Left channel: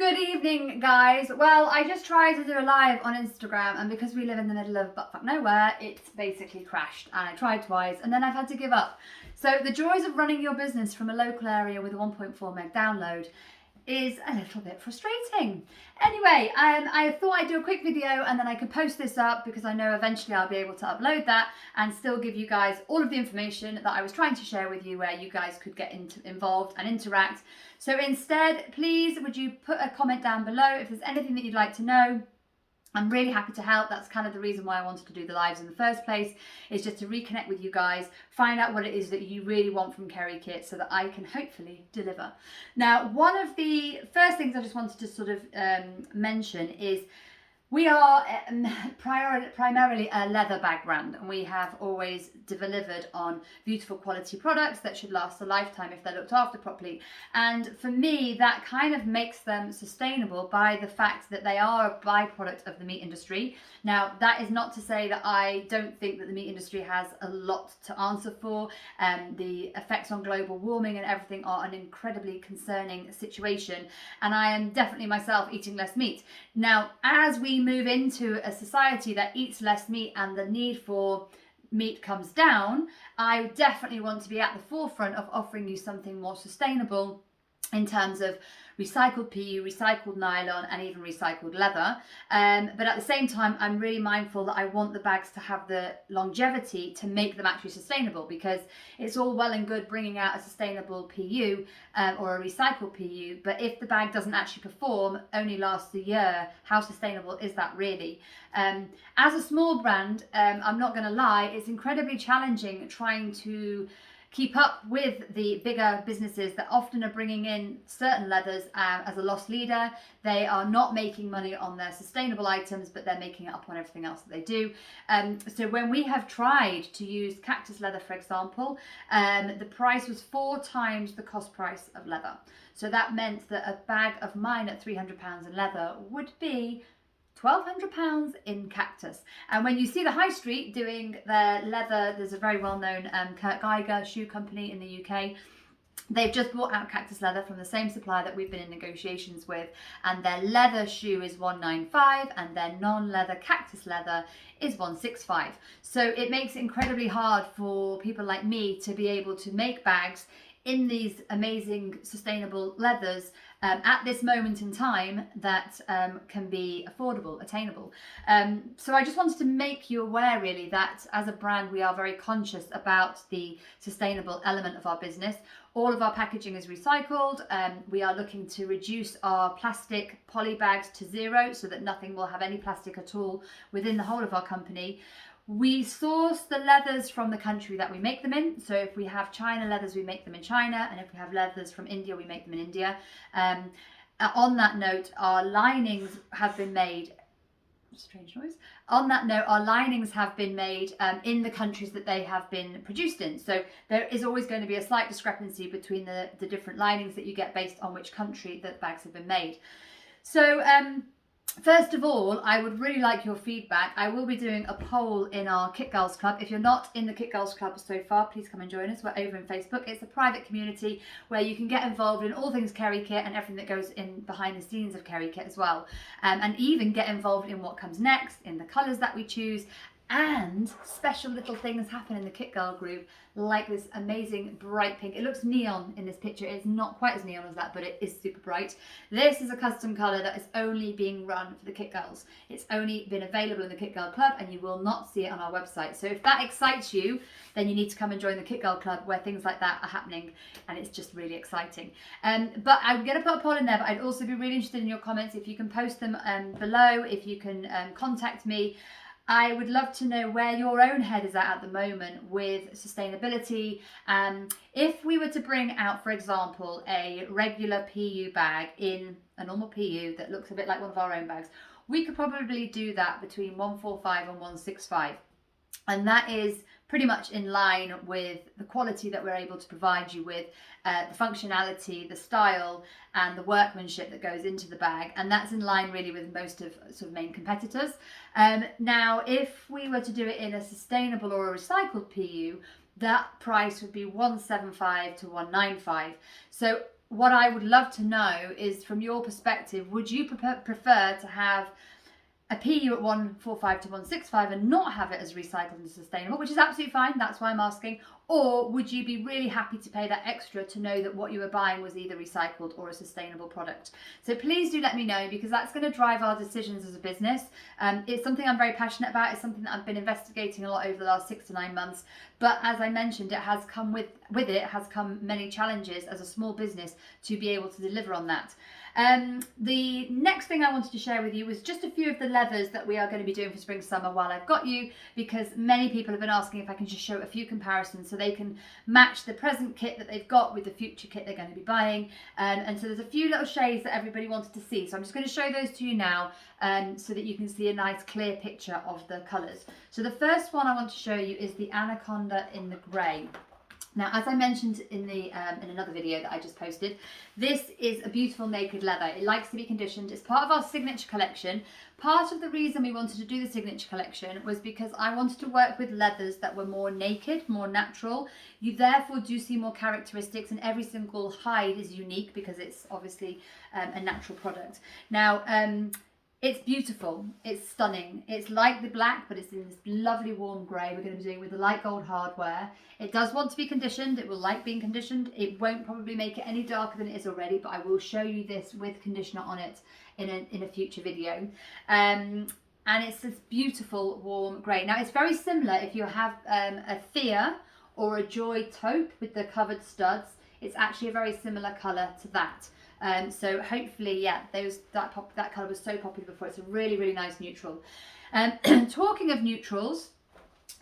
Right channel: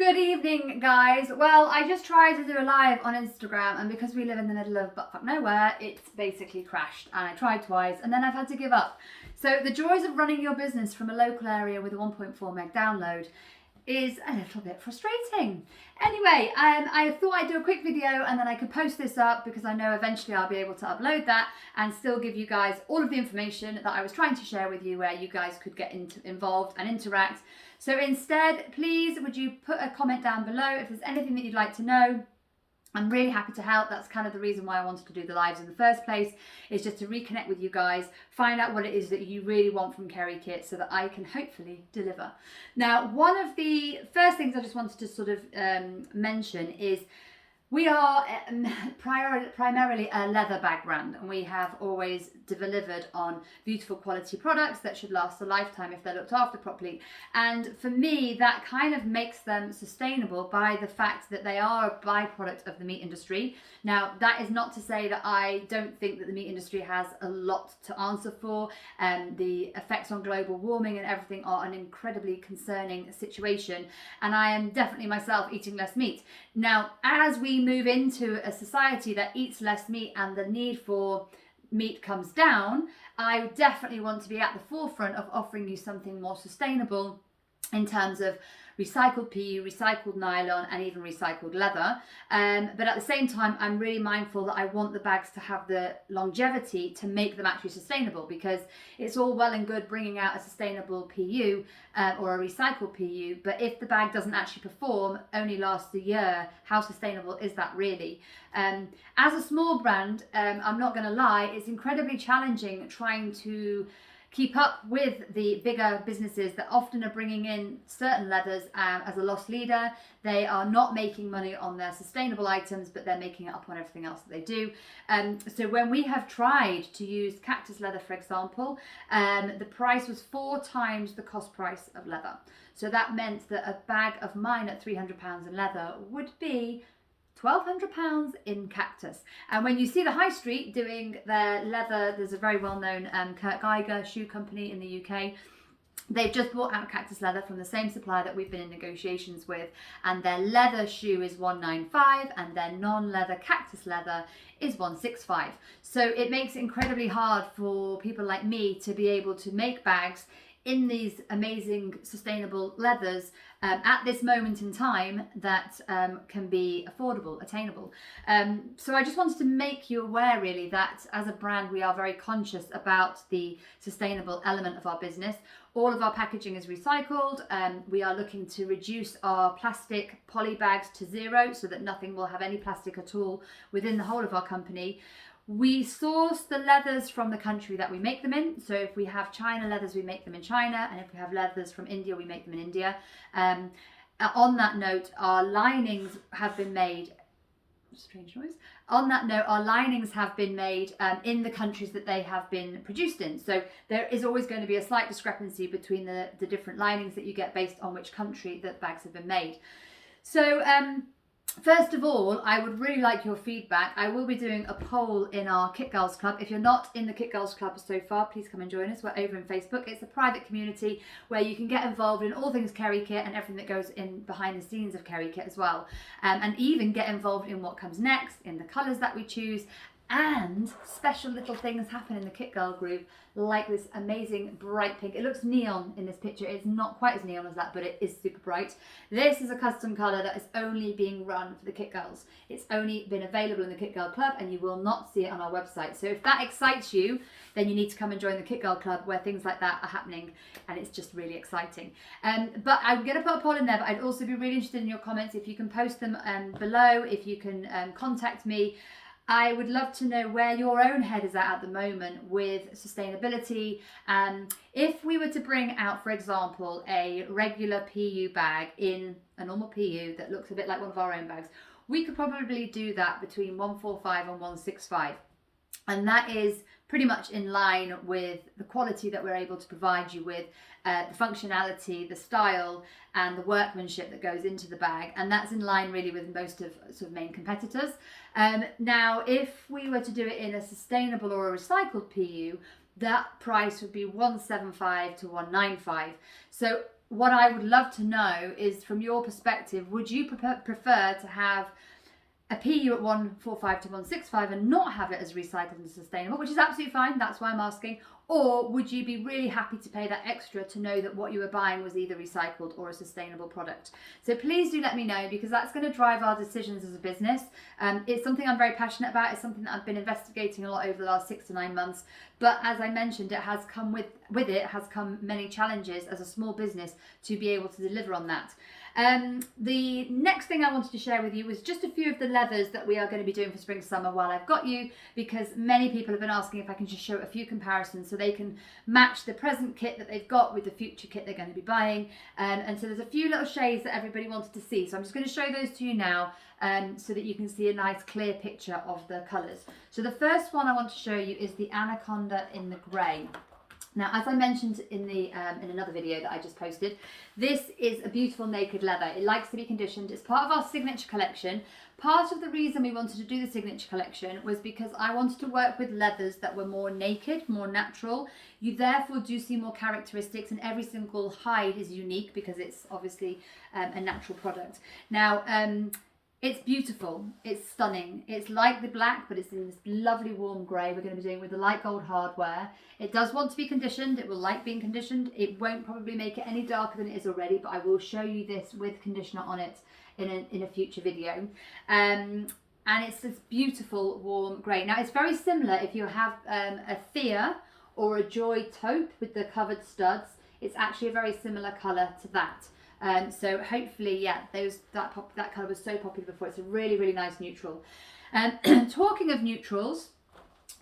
Good evening, guys. Well, I just tried to do a live on Instagram, and because we live in the middle of buttfuck nowhere, it's basically crashed. And I tried twice, and then I've had to give up. So the joys of running your business from a local area with a 1.4 meg download is a little bit frustrating. Anyway, I thought I'd do a quick video and then I could post this up because I know eventually I'll be able to upload that and still give you guys all of the information that I was trying to share with you, where you guys could get involved and interact. So instead, please, would you put a comment down below if there's anything that you'd like to know. I'm really happy to help. That's kind of the reason why I wanted to do the lives in the first place, is just to reconnect with you guys, find out what it is that you really want from Kerry Kit so that I can hopefully deliver. Now, one of the first things I just wanted to sort of mention is we are primarily a leather bag brand, and we have always delivered on beautiful quality products that should last a lifetime if they're looked after properly. And for me, that kind of makes them sustainable by the fact that they are a byproduct of the meat industry. Now, that is not to say that I don't think that the meat industry has a lot to answer for. The effects on global warming and everything are an incredibly concerning situation, and I am definitely myself eating less meat. Now, as we move into a society that eats less meat and the need for meat comes down, I definitely want to be at the forefront of offering you something more sustainable in terms of recycled PU, recycled nylon, and even recycled leather. But at the same time, I'm really mindful that I want the bags to have the longevity to make them actually sustainable, because it's all well and good bringing out a sustainable PU or a recycled PU, but if the bag doesn't actually perform, only lasts a year, how sustainable is that really? As a small brand, I'm not going to lie, it's incredibly challenging trying to keep up with the bigger businesses that often are bringing in certain leathers as a loss leader. They are not making money on their sustainable items, but they're making it up on everything else that they do. So when we have tried to use cactus leather, for example, the price was 4 times the cost price of leather. So that meant that a bag of mine at £300 in leather would be £1,200 in cactus. And when you see the high street doing their leather, there's a very well-known Kurt Geiger shoe company in the UK. They've just brought out cactus leather from the same supplier that we've been in negotiations with, and their leather shoe is £195 and their non-leather cactus leather is £165. So it makes it incredibly hard for people like me to be able to make bags in these amazing sustainable leathers at this moment in time that can be affordable, attainable. So I just wanted to make you aware really that as a brand we are very conscious about the sustainable element of our business. All of our packaging is recycled. We are looking to reduce our plastic poly bags to 0 so that nothing will have any plastic at all within the whole of our company. We source the leathers from the country that we make them in. So if we have China leathers, we make them in China. And if we have leathers from India, we make them in India. On that note, our linings have been made, strange noise. On that note, our linings have been made in the countries that they have been produced in. So there is always going to be a slight discrepancy between the different linings that you get based on which country the bags have been made. So, first of all, I would really like your feedback. I will be doing a poll in our Kit Girls Club. If you're not in the Kit Girls Club so far, please come and join us. We're over in Facebook. It's a private community where you can get involved in all things Kerry Kit and everything that goes in behind the scenes of Kerry Kit as well. And even get involved in what comes next, in the colours that we choose, and special little things happen in the Kit Girl group, like this amazing bright pink. It looks neon in this picture. It's not quite as neon as that, but it is super bright. This is a custom colour that is only being run for the Kit Girls. It's only been available in the Kit Girl Club, and you will not see it on our website. So if that excites you, then you need to come and join the Kit Girl Club, where things like that are happening, and it's just really exciting. But I'm going to put a poll in there, but I'd also be really interested in your comments. If you can post them below, if you can contact me. I would love to know where your own head is at the moment with sustainability. If we were to bring out, for example, a regular PU bag in a normal PU that looks a bit like one of our own bags, we could probably do that between 145 and 165. And that is pretty much in line with the quality that we're able to provide you with, the functionality, the style, and the workmanship that goes into the bag. And that's in line really with most of sort of main competitors. Now, if we were to do it in a sustainable or a recycled PU, that price would be 175 to 195. So what I would love to know is, from your perspective, would you prefer to have a PU at 145 to 165 and not have it as recycled and sustainable, which is absolutely fine, that's why I'm asking, or would you be really happy to pay that extra to know that what you were buying was either recycled or a sustainable product? So please do let me know, because that's going to drive our decisions as a business. It's something I'm very passionate about. It's something that I've been investigating a lot over the last 6 to 9 months. But as I mentioned, it has come with it has come many challenges as a small business to be able to deliver on that. The next thing I wanted to share with you was just a few of the leathers that we are going to be doing for spring summer while I've got you, because many people have been asking if I can just show a few comparisons so they can match the present kit that they've got with the future kit they're going to be buying. And so there's a few little shades that everybody wanted to see, so I'm just going to show those to you now, so that you can see a nice clear picture of the colours. So the first one I want to show you is the Anaconda in the grey. Now, as I mentioned in another video that I just posted, this is a beautiful naked leather. It likes to be conditioned. It's part of our signature collection. Part of the reason we wanted to do the signature collection was because I wanted to work with leathers that were more naked, more natural. You therefore do see more characteristics, and every single hide is unique because it's obviously a natural product. Now, it's beautiful, it's stunning. It's like the black, but it's in this lovely warm grey. We're going to be doing with the light gold hardware. It does want to be conditioned. It will like being conditioned. It won't probably make it any darker than it is already, but I will show you this with conditioner on it in a future video. And it's this beautiful warm grey. Now, it's very similar if you have a Thea or a Joy taupe with the covered studs. It's actually a very similar colour to that. So hopefully, yeah, that colour was so popular before. It's a really, really nice neutral. Talking of neutrals,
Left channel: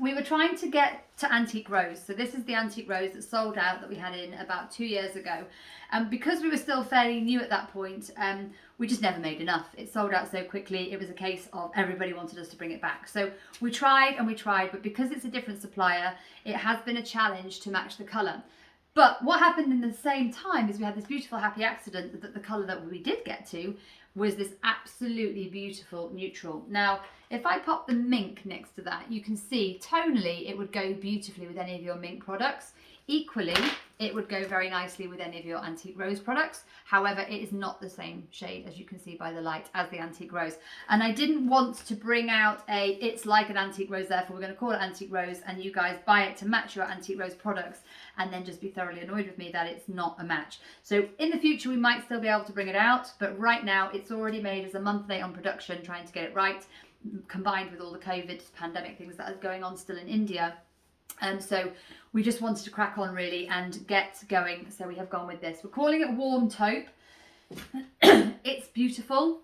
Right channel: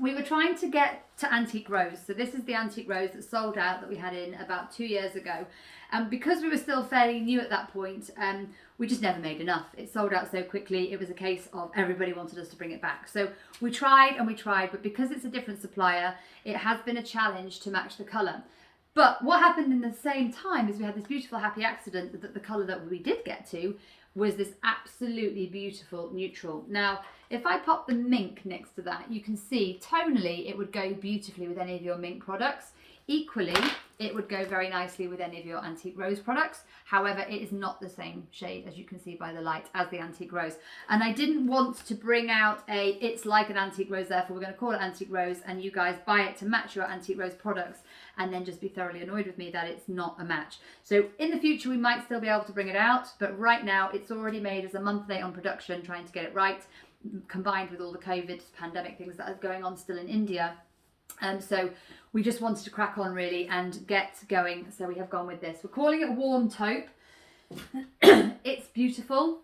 we were trying to get to Antique Rose. So this is the Antique Rose that sold out, that we had in about 2 years ago. And because we were still fairly new at that point, we just never made enough. It sold out so quickly. It was a case of everybody wanted us to bring it back. So we tried and we tried, but because it's a different supplier, it has been a challenge to match the colour. But what happened in the same time is we had this beautiful happy accident that the colour that we did get to was this absolutely beautiful neutral. Now, if I pop the mink next to that, you can see tonally it would go beautifully with any of your mink products. Equally, it would go very nicely with any of your Antique Rose products. However, it is not the same shade, as you can see by the light, as the Antique Rose. And I didn't want to bring out it's like an Antique Rose, therefore we're going to call it Antique Rose, and you guys buy it to match your Antique Rose products and then just be thoroughly annoyed with me that it's not a match. So in the future, we might still be able to bring it out, but right now it's already made as a month late on production, trying to get it right, combined with all the COVID pandemic things that are going on still in India. So we just wanted to crack on really and get going. So we have gone with this. We're calling it Warm Taupe. It's beautiful.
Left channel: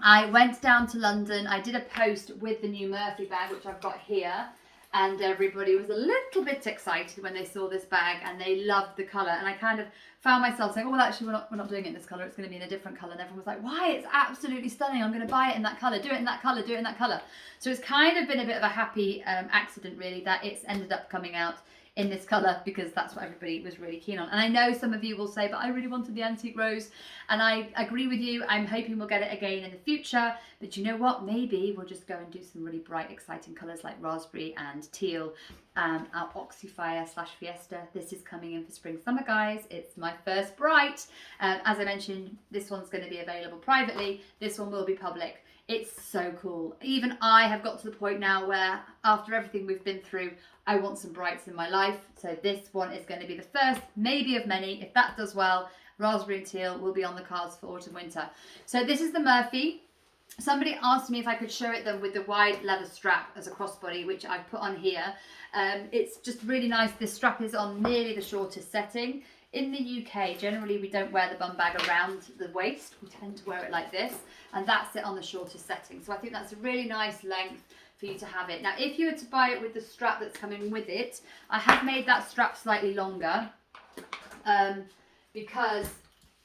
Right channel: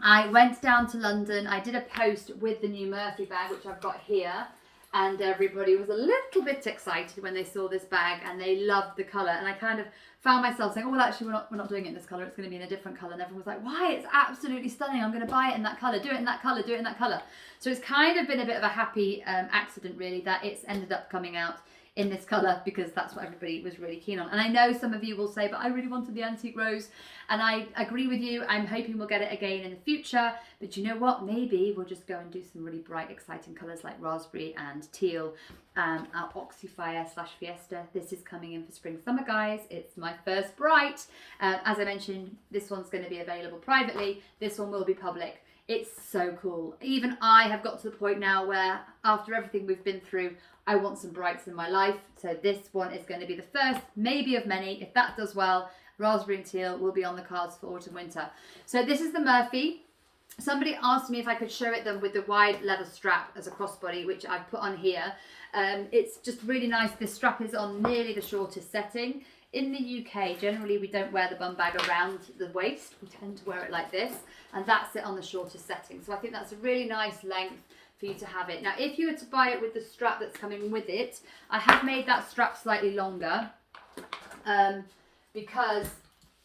I went down to London. I did a post with the new Murphy bag, which I've got here. And everybody was a little bit excited when they saw this bag, and they loved the colour. And I kind of found myself saying, oh, well, actually, we're not doing it in this colour. It's going to be in a different colour. And everyone was like, why? It's absolutely stunning. I'm going to buy it in that colour. Do it in that colour. Do it in that colour. So it's kind of been a bit of a happy accident, really, that it's ended up coming out in this colour, because that's what everybody was really keen on. And I know some of you will say, but I really wanted the Antique Rose, and I agree with you. I'm hoping we'll get it again in the future, but you know what, maybe we'll just go and do some really bright, exciting colours like raspberry and teal. Our Oxyfire / Fiesta, this is coming in for spring summer, guys. It's my first bright. As I mentioned, this one's going to be available privately. This one will be public. It's so cool. Even I have got to the point now where, after everything we've been through, I want some brights in my life. So this one is going to be the first, maybe of many. If that does well, raspberry and teal will be on the cards for autumn winter. So this is the Murphy. Somebody asked me if I could show it them with the wide leather strap as a crossbody, which I've put on here. It's just really nice. This strap is on nearly the shortest setting. In the UK, generally we don't wear the bum bag around the waist. We tend to wear it like this, and that's it on the shortest setting. So I think that's a really nice length for you to have it. Now, if you were to buy it with the strap that's coming with it, I have made that strap slightly longer, because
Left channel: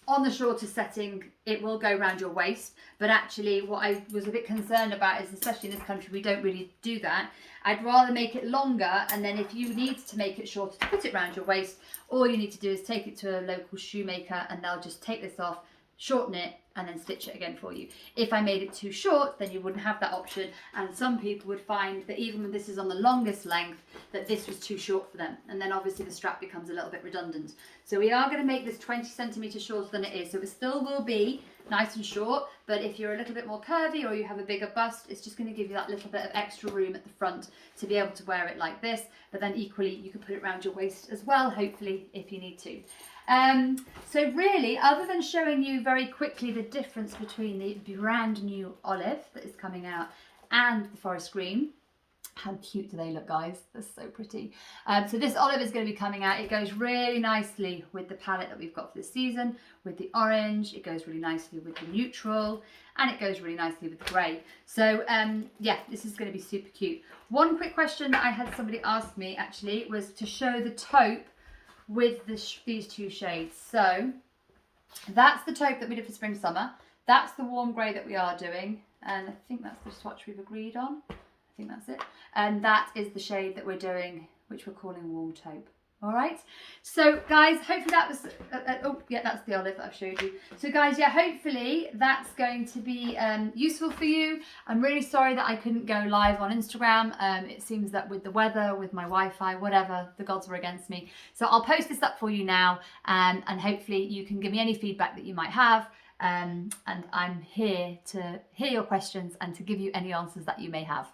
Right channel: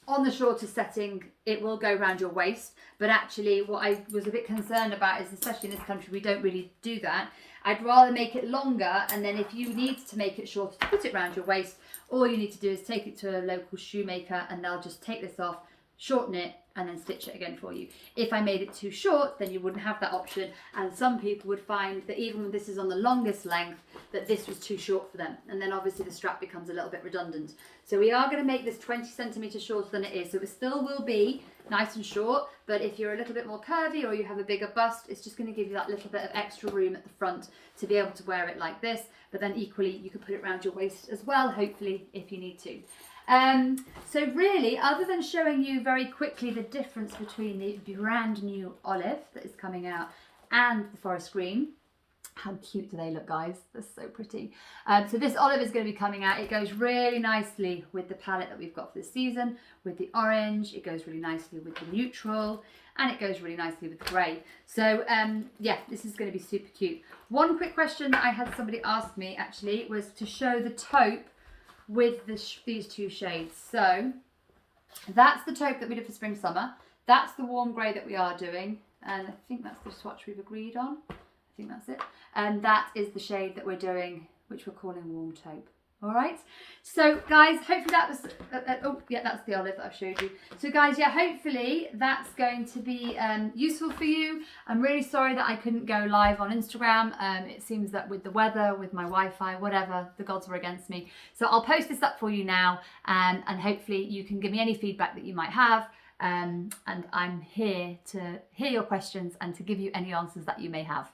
on the shortest setting, it will go around your waist. But actually, what I was a bit concerned about is, especially in this country, we don't really do that. I'd rather make it longer, and then if you need to make it shorter to put it around your waist, all you need to do is take it to a local shoemaker, and they'll just take this off, shorten it, and then stitch it again for you. If I made it too short, then you wouldn't have that option, and some people would find that even when this is on the longest length, that this was too short for them, and then obviously the strap becomes a little bit redundant. So we are going to make this 20 centimeters shorter than it is, so it still will be nice and short, but if you're a little bit more curvy or you have a bigger bust, it's just going to give you that little bit of extra room at the front to be able to wear it like this. But then equally you can put it around your waist as well, hopefully, if you need to. So really, other than showing you very quickly the difference between the brand new olive that is coming out and the forest green, how cute do they look, guys? They're so pretty. So this olive is going to be coming out. It goes really nicely with the palette that we've got for this season, with the orange. It goes really nicely with the neutral, and it goes really nicely with the grey. So yeah, this is going to be super cute. One quick question that I had somebody ask me actually was to show the taupe with these two shades. So that's the taupe that we did for spring summer. That's the warm grey that we are doing, and I think that's the swatch we've agreed on. I think that's it. And that is the shade that we're doing, which we're calling warm taupe. All right. So guys, hopefully that was, oh yeah, that's the olive that I've showed you. So guys, yeah, hopefully that's going to be useful for you. I'm really sorry that I couldn't go live on Instagram. It seems that with the weather, with my Wi-Fi, whatever, the gods were against me. So I'll post this up for you now, and hopefully you can give me any feedback that you might have. And I'm here to hear your questions and to give you any answers that you may have.